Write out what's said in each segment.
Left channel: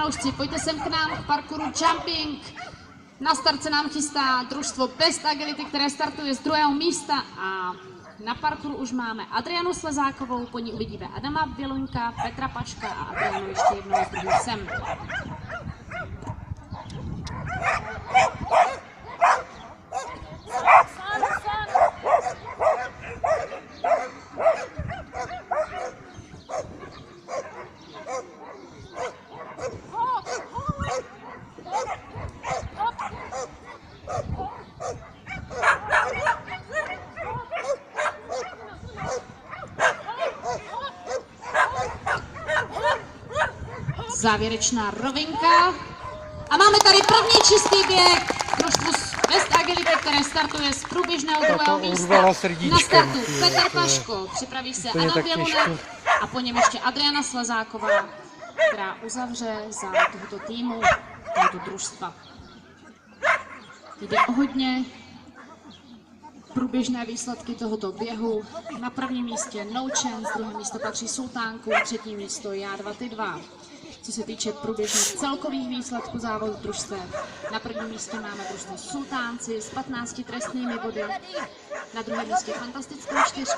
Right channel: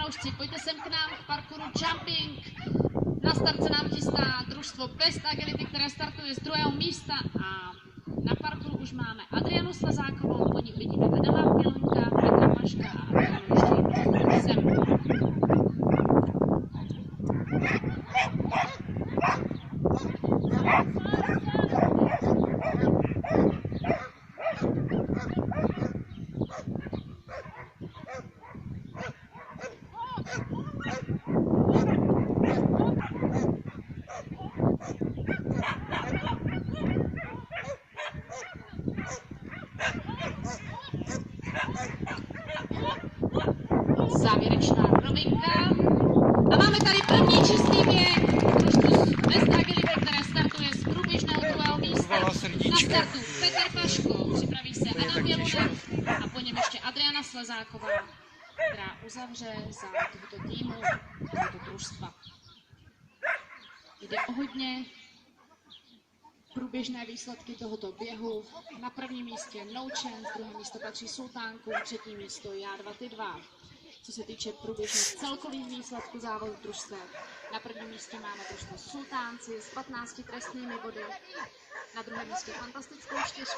fanoušci, pojďte sem k nám k parkouru Jumping. Na start se nám chystá družstvo Best Agility, které startuje z 2. místa a na parkouru už máme Adrianu Slezákovou, po ní uvidíme Adama Běloňka, Petra Paška a Adrianu ještě jednou sem. Závěrečná rovinka. A máme tady první čistý běh družstvo Best Agility, které startuje z průběžného 2. místa. Na startu Petr Paško, připraví se Adam Bělunek a po něm ještě Adriana Slezáková, která uzavře za tohoto týmu, tohoto družstva. Jde o hodně průběžné výsledky tohoto běhu. Na prvním místě No Chance, druhé místo patří Sultánku, třetí místo Já 2 ty 2. Co se týče průběžných celkových výsledků závodu družstev, na prvním místě máme družstvo Sultánci s 15 trestnými body, na druhém místě Fantastickou 4 s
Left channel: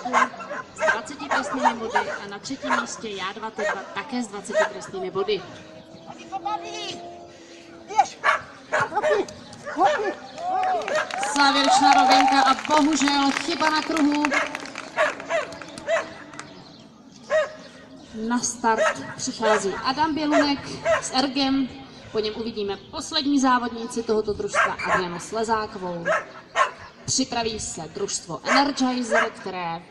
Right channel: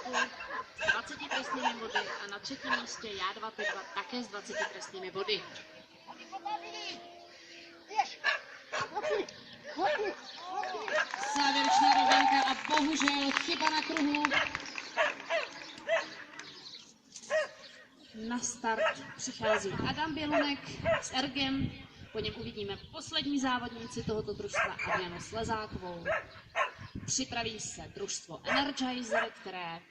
20 trestnými body a na třetím místě Já 2 ty 2 také s 20 trestnými body. Závěrečná rovinka a bohužel chyba na kruhu. Na start přichází Adam Bělunek s Ergem, po něm uvidíme poslední závodníci tohoto družstva Adrianu Slezákovou. Připraví se družstvo Energizer, které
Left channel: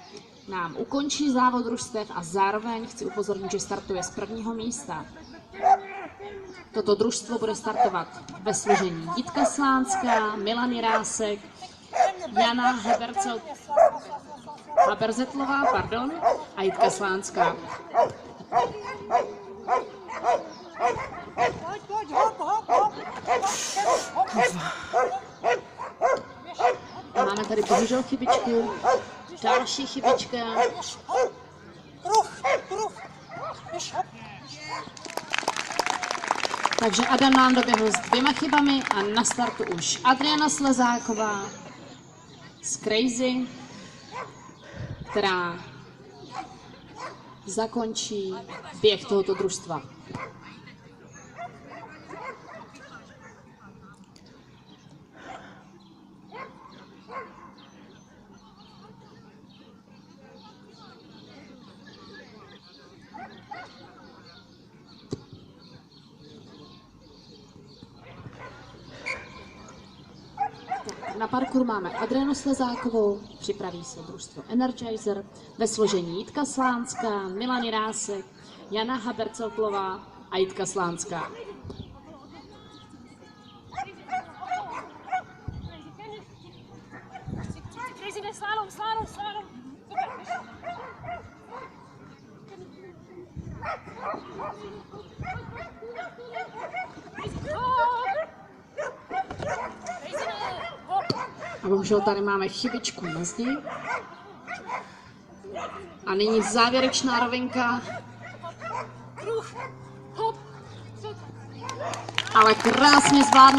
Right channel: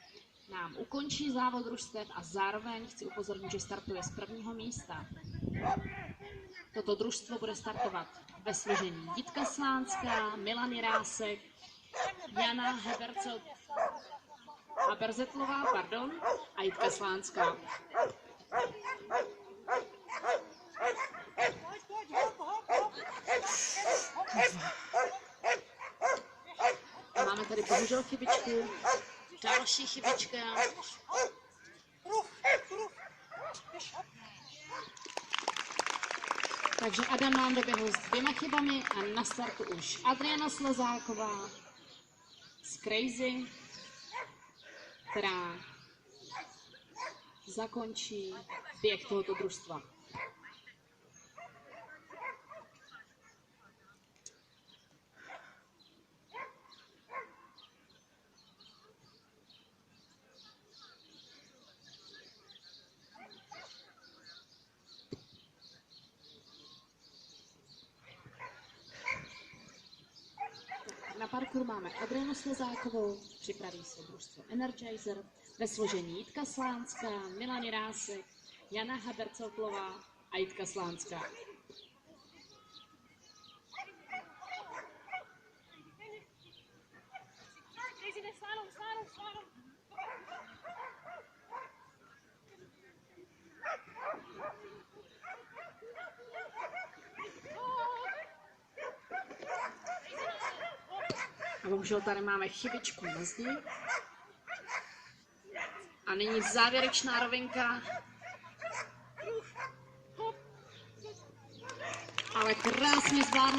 nám ukončí závod družstev a zároveň chci upozornit, že startuje z 1. místa. Toto družstvo bude startovat ve složení Jitka Slánská, Milan Jirásek, Jana Haberzetlová a Jitka Slánská. Máme tady bohužel chybičku, další chybička. Takže Adam nám doběhl s 2 chybami a na startu už Adriana Slezáková z Crazy, která zakončí běh tohoto družstva. Na parkouru máme Adrianu Slezákovou, připraví se družstvo Energizer ve složení Jitka Slánská, Milan Jirásek, Jana Haberceltlová a Jitka Slánská. A bohužel tady máme chybičku na zdi. A nyní závěrečná rovinka. Ale krásně zvládne.